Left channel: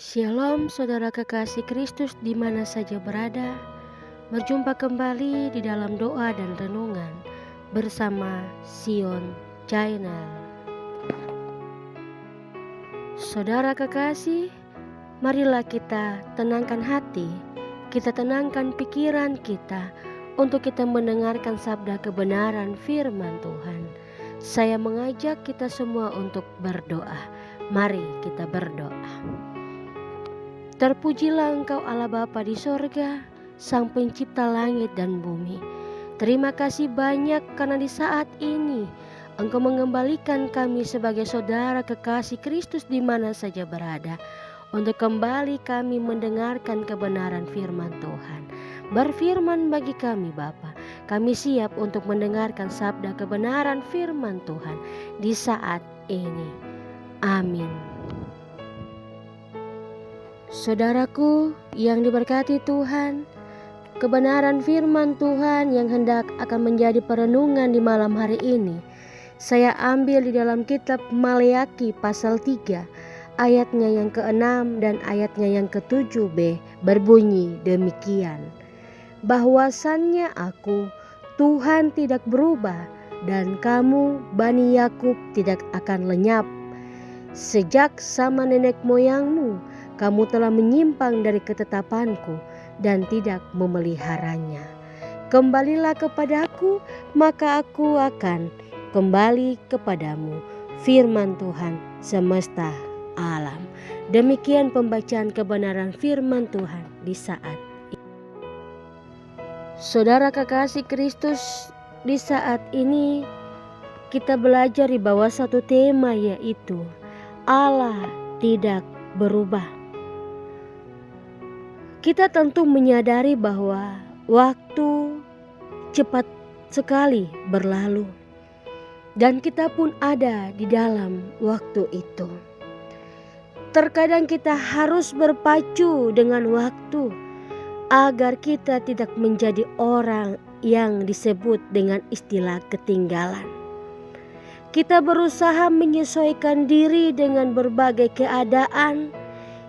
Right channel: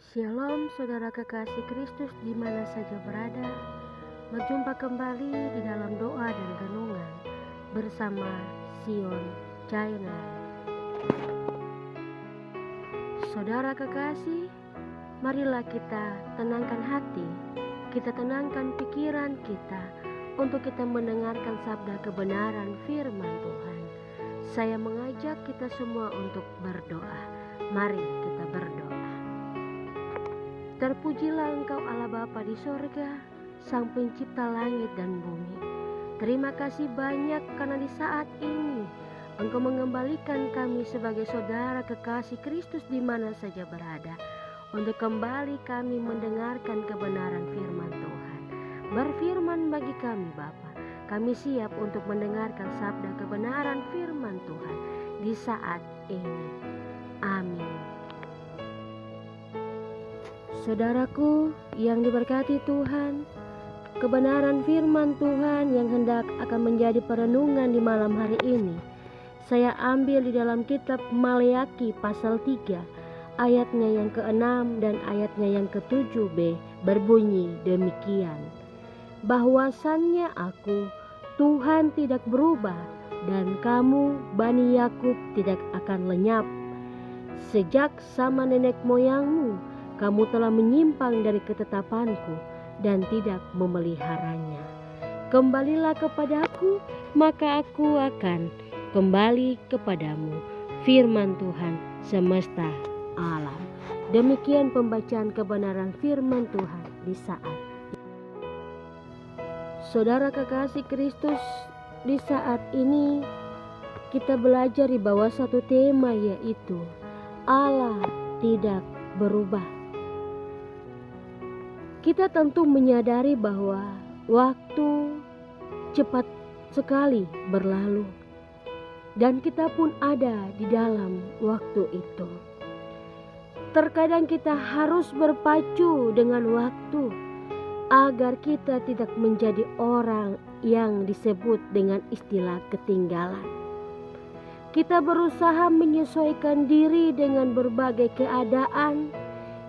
Shalom saudara kekasih Kristus di mana saja berada. Berjumpa kembali di dalam doa dan renungan bersama Sion Channel. Saudara kekasih, marilah kita tenangkan hati, kita tenangkan pikiran kita untuk kita mendengarkan sabda kebenaran firman Tuhan. Saya mengajak kita semua untuk berdoa. Mari kita berdoa. Terpujilah Engkau Allah Bapa di sorga, Sang Pencipta langit dan bumi. Terima kasih banyak karena di saat ini Engkau mengembalikan kami sebagai saudara kekasih Kristus di mana saja berada, untuk kembali kami mendengarkan kebenaran firman Tuhan. Berfirman bagi kami Bapa, kami siap untuk mendengarkan sabda kebenaran firman Tuhan di saat ini. Amin. Saudaraku yang diberkati Tuhan, kebenaran firman Tuhan yang hendak akan menjadi perenungan di malam hari ini, saya ambil di dalam kitab Maleakhi pasal 3, ayatnya yang ke-6 dan ayatnya yang ke-7b, berbunyi demikian. Bahwasannya aku, Tuhan tidak berubah, dan kamu, Bani Yakub, tidak akan lenyap. Sejak zaman nenek moyangmu, kamu telah menyimpang dari ketetapanku dan tidak memeliharanya. Kembalilah kepadaku, maka aku akan kembali kepadamu. Firman Tuhan semesta alam. Demikian pembacaan kebenaran firman Tuhan di saat ini. Saudara kekasih Kristus, di saat ini kita belajar di bawah satu tema, yaitu Allah tidak berubah. Kita tentu menyadari bahwa waktu cepat sekali berlalu, dan kita pun ada di dalam waktu itu. Terkadang kita harus berpacu dengan waktu agar kita tidak menjadi orang yang disebut dengan istilah ketinggalan. Kita berusaha menyesuaikan diri dengan berbagai keadaan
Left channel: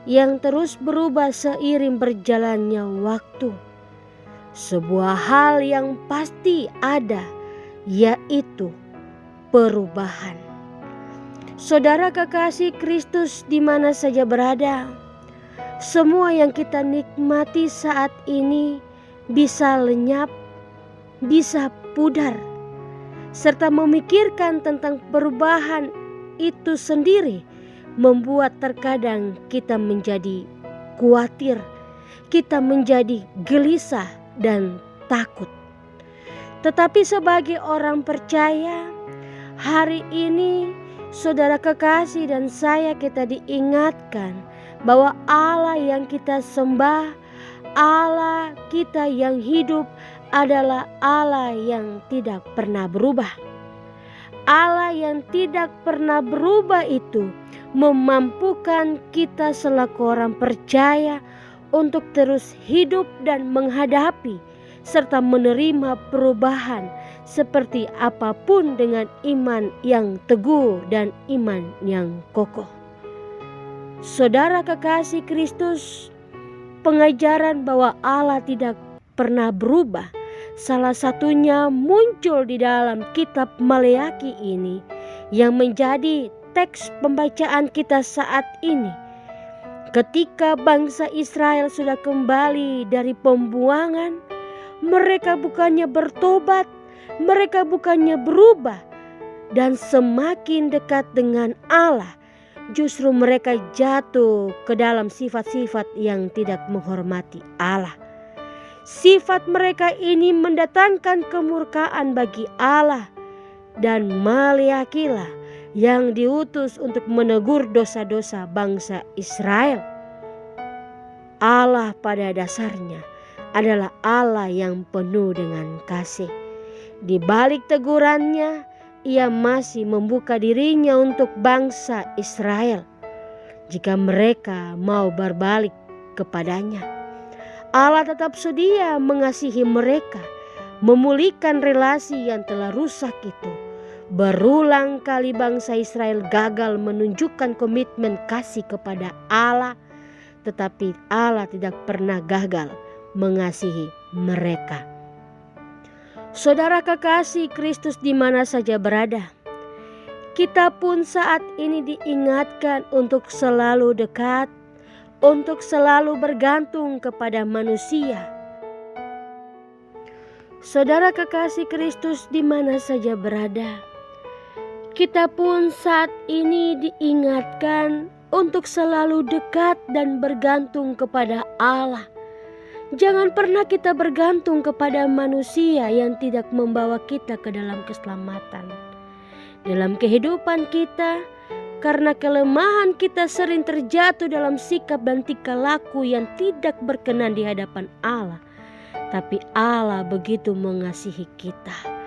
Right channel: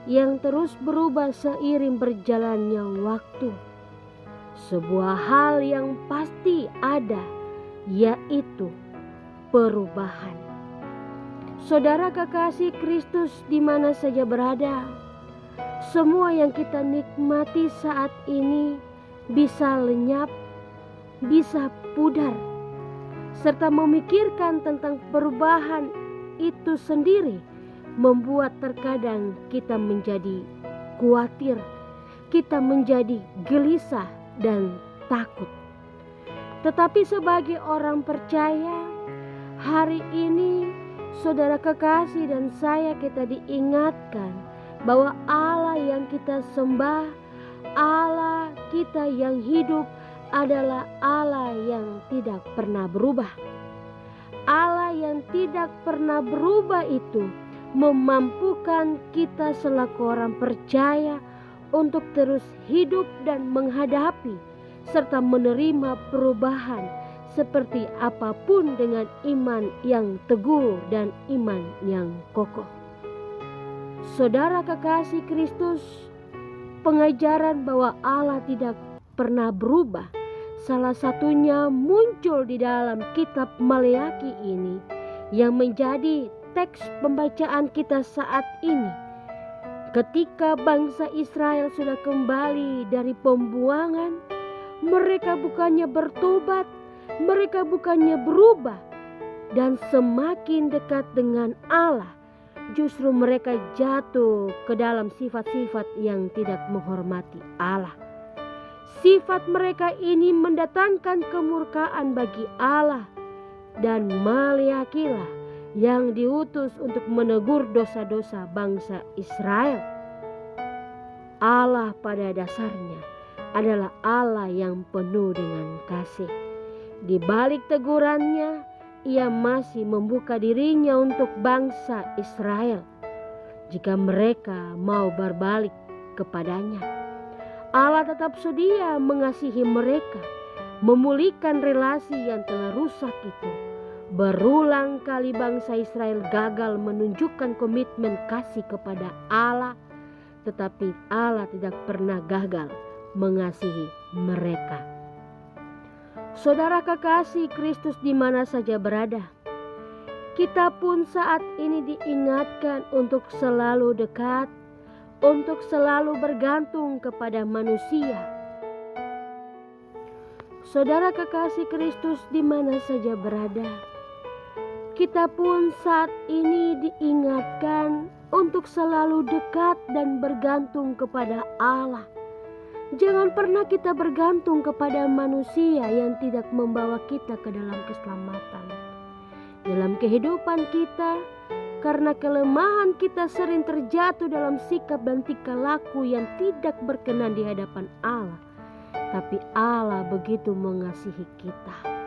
yang terus berubah seiring berjalannya waktu. Sebuah hal yang pasti ada, yaitu perubahan. Saudara kekasih Kristus di mana saja berada, semua yang kita nikmati saat ini bisa lenyap, bisa pudar, serta memikirkan tentang perubahan itu sendiri membuat terkadang kita menjadi khawatir, kita menjadi gelisah dan takut. Tetapi sebagai orang percaya, hari ini saudara kekasih dan saya, kita diingatkan bahwa Allah yang kita sembah, Allah kita yang hidup adalah Allah yang tidak pernah berubah. Allah yang tidak pernah berubah itu memampukan kita selaku orang percaya untuk terus hidup dan menghadapi serta menerima perubahan seperti apapun dengan iman yang teguh dan iman yang kokoh. Saudara kekasih Kristus, pengajaran bahwa Allah tidak pernah berubah salah satunya muncul di dalam kitab Maleakhi ini, yang menjadi teks pembacaan kita saat ini. Ketika bangsa Israel sudah kembali dari pembuangan, mereka bukannya bertobat, mereka bukannya berubah dan semakin dekat dengan Allah, justru mereka jatuh ke dalam sifat-sifat yang tidak menghormati Allah. Sifat mereka ini mendatangkan kemurkaan bagi Allah, dan Maleakhilah yang diutus untuk menegur dosa-dosa bangsa Israel. Allah pada dasarnya adalah Allah yang penuh dengan kasih. Di balik tegurannya, Ia masih membuka dirinya untuk bangsa Israel jika mereka mau berbalik kepadanya. Allah tetap sedia mengasihi mereka, memulihkan relasi yang telah rusak itu. Berulang kali bangsa Israel gagal menunjukkan komitmen kasih kepada Allah tetapi Allah tidak pernah gagal mengasihi mereka. Saudara kekasih Kristus di mana saja berada, kita pun saat ini diingatkan untuk selalu dekat, untuk selalu bergantung kepada manusia. Saudara kekasih Kristus di mana saja berada, kita pun saat ini diingatkan untuk selalu dekat dan bergantung kepada Allah. Jangan pernah kita bergantung kepada manusia yang tidak membawa kita ke dalam keselamatan. Dalam kehidupan kita, karena kelemahan kita sering terjatuh dalam sikap dan tingkah laku yang tidak berkenan di hadapan Allah. Tapi Allah begitu mengasihi kita.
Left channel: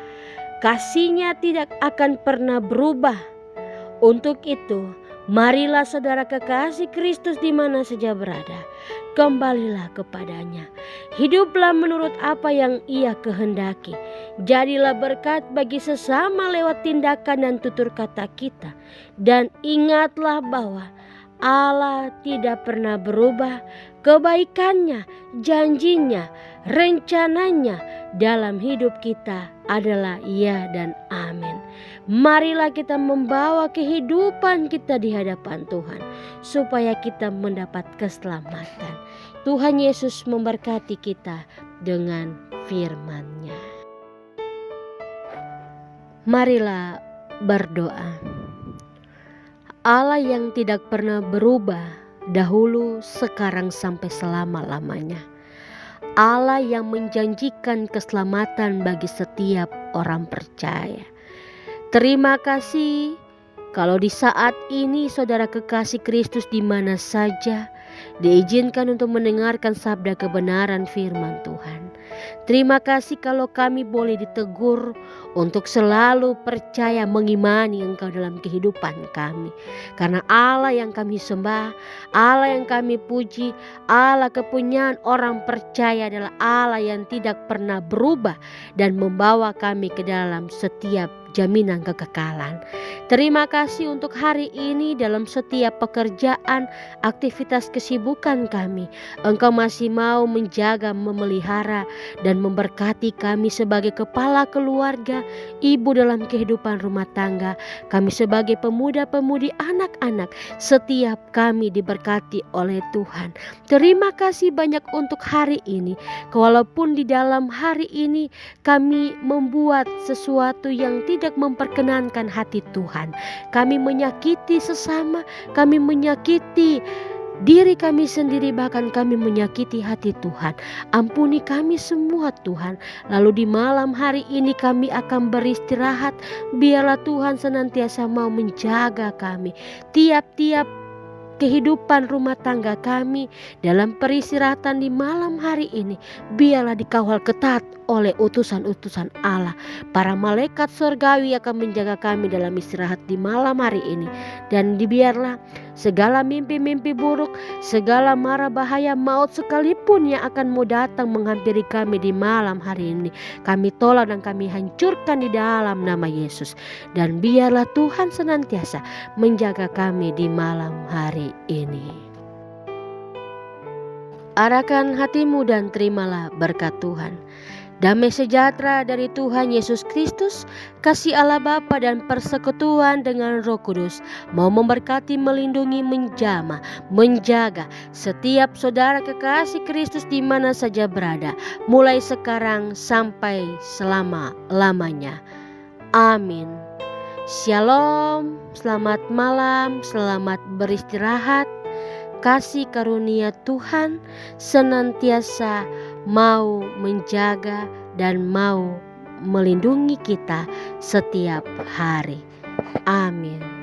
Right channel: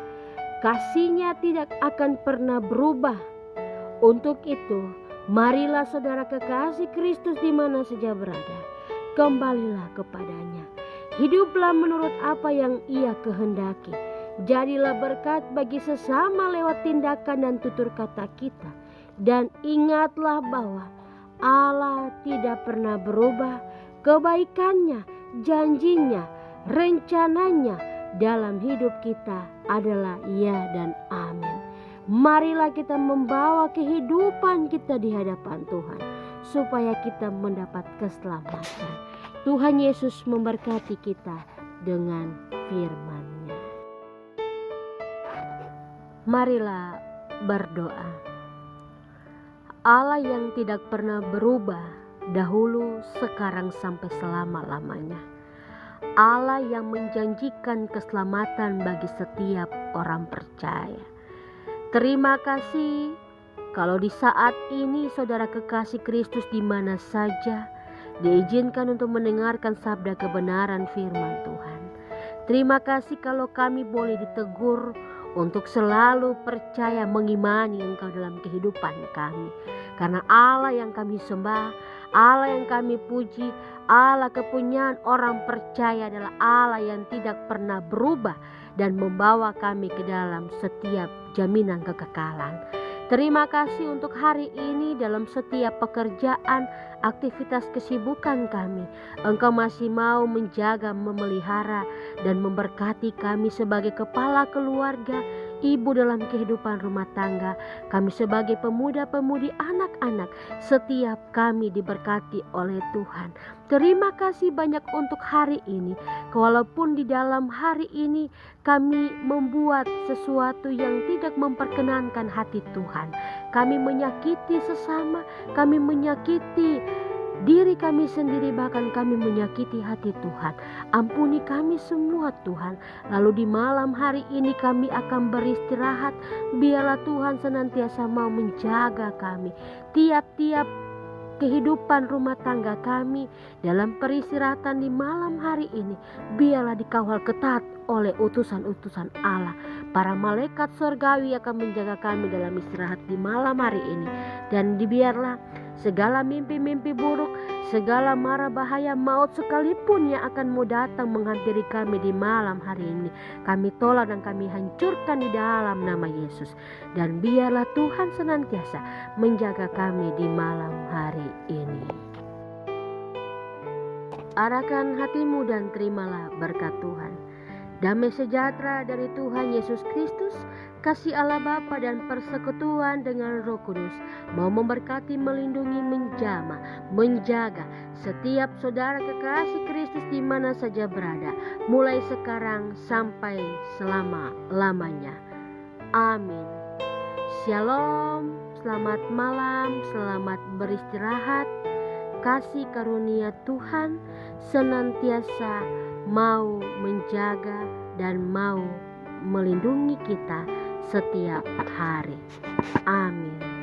Kasih-Nya tidak akan pernah berubah. Untuk itu, marilah saudara kekasih Kristus di mana saja berada, kembalilah kepadanya. Hiduplah menurut apa yang Ia kehendaki. Jadilah berkat bagi sesama lewat tindakan dan tutur kata kita. Dan ingatlah bahwa Allah tidak pernah berubah. Kebaikannya, janjinya, rencananya dalam hidup kita adalah ya dan amin. Marilah kita membawa kehidupan kita di hadapan Tuhan supaya kita mendapat keselamatan. Tuhan Yesus memberkati kita dengan firman-Nya. Marilah berdoa. Allah yang tidak pernah berubah, dahulu, sekarang, sampai selama-lamanya. Allah yang menjanjikan keselamatan bagi setiap orang percaya. Terima kasih kalau di saat ini saudara kekasih Kristus di mana saja diizinkan untuk mendengarkan sabda kebenaran firman Tuhan. Terima kasih kalau kami boleh ditegur untuk selalu percaya mengimani Engkau dalam kehidupan kami. Karena Allah yang kami sembah, Allah yang kami puji, Allah kepunyaan orang percaya adalah Allah yang tidak pernah berubah dan membawa kami ke dalam setiap jaminan kekekalan. Terima kasih untuk hari ini dalam setiap pekerjaan, aktivitas kesibukan kami. Engkau masih mau menjaga, memelihara, dan memberkati kami sebagai kepala keluarga, ibu dalam kehidupan rumah tangga. Kami sebagai pemuda-pemudi, anak-anak, setiap kami diberkati oleh Tuhan. Terima kasih banyak untuk hari ini. Walaupun di dalam hari ini kami membuat sesuatu yang tidak memperkenankan hati Tuhan. Kami menyakiti sesama, kami menyakiti diri kami sendiri, bahkan kami menyakiti hati Tuhan. Ampuni kami semua Tuhan. Lalu di malam hari ini kami akan beristirahat. Biarlah Tuhan senantiasa mau menjaga kami. Tiap-tiap kehidupan rumah tangga kami dalam peristirahatan di malam hari ini, biarlah dikawal ketat oleh utusan-utusan Allah. Para malaikat surgawi akan menjaga kami dalam istirahat di malam hari ini. Dan dibiarlah segala mimpi-mimpi buruk, segala mara bahaya maut sekalipun yang akan mau datang menghampiri kami di malam hari ini, kami tolak dan kami hancurkan di dalam nama Yesus. Dan biarlah Tuhan senantiasa menjaga kami di malam hari ini. Arahkan hatimu dan terimalah berkat Tuhan. Damai sejahtera dari Tuhan Yesus Kristus, kasih Allah Bapa dan persekutuan dengan Roh Kudus mau memberkati, melindungi, menjamah, menjaga setiap saudara kekasih Kristus di mana saja berada, mulai sekarang sampai selama-lamanya. Amin. Shalom, selamat malam, selamat beristirahat. Kasih karunia Tuhan senantiasa mau menjaga dan mau melindungi kita setiap hari. Amin.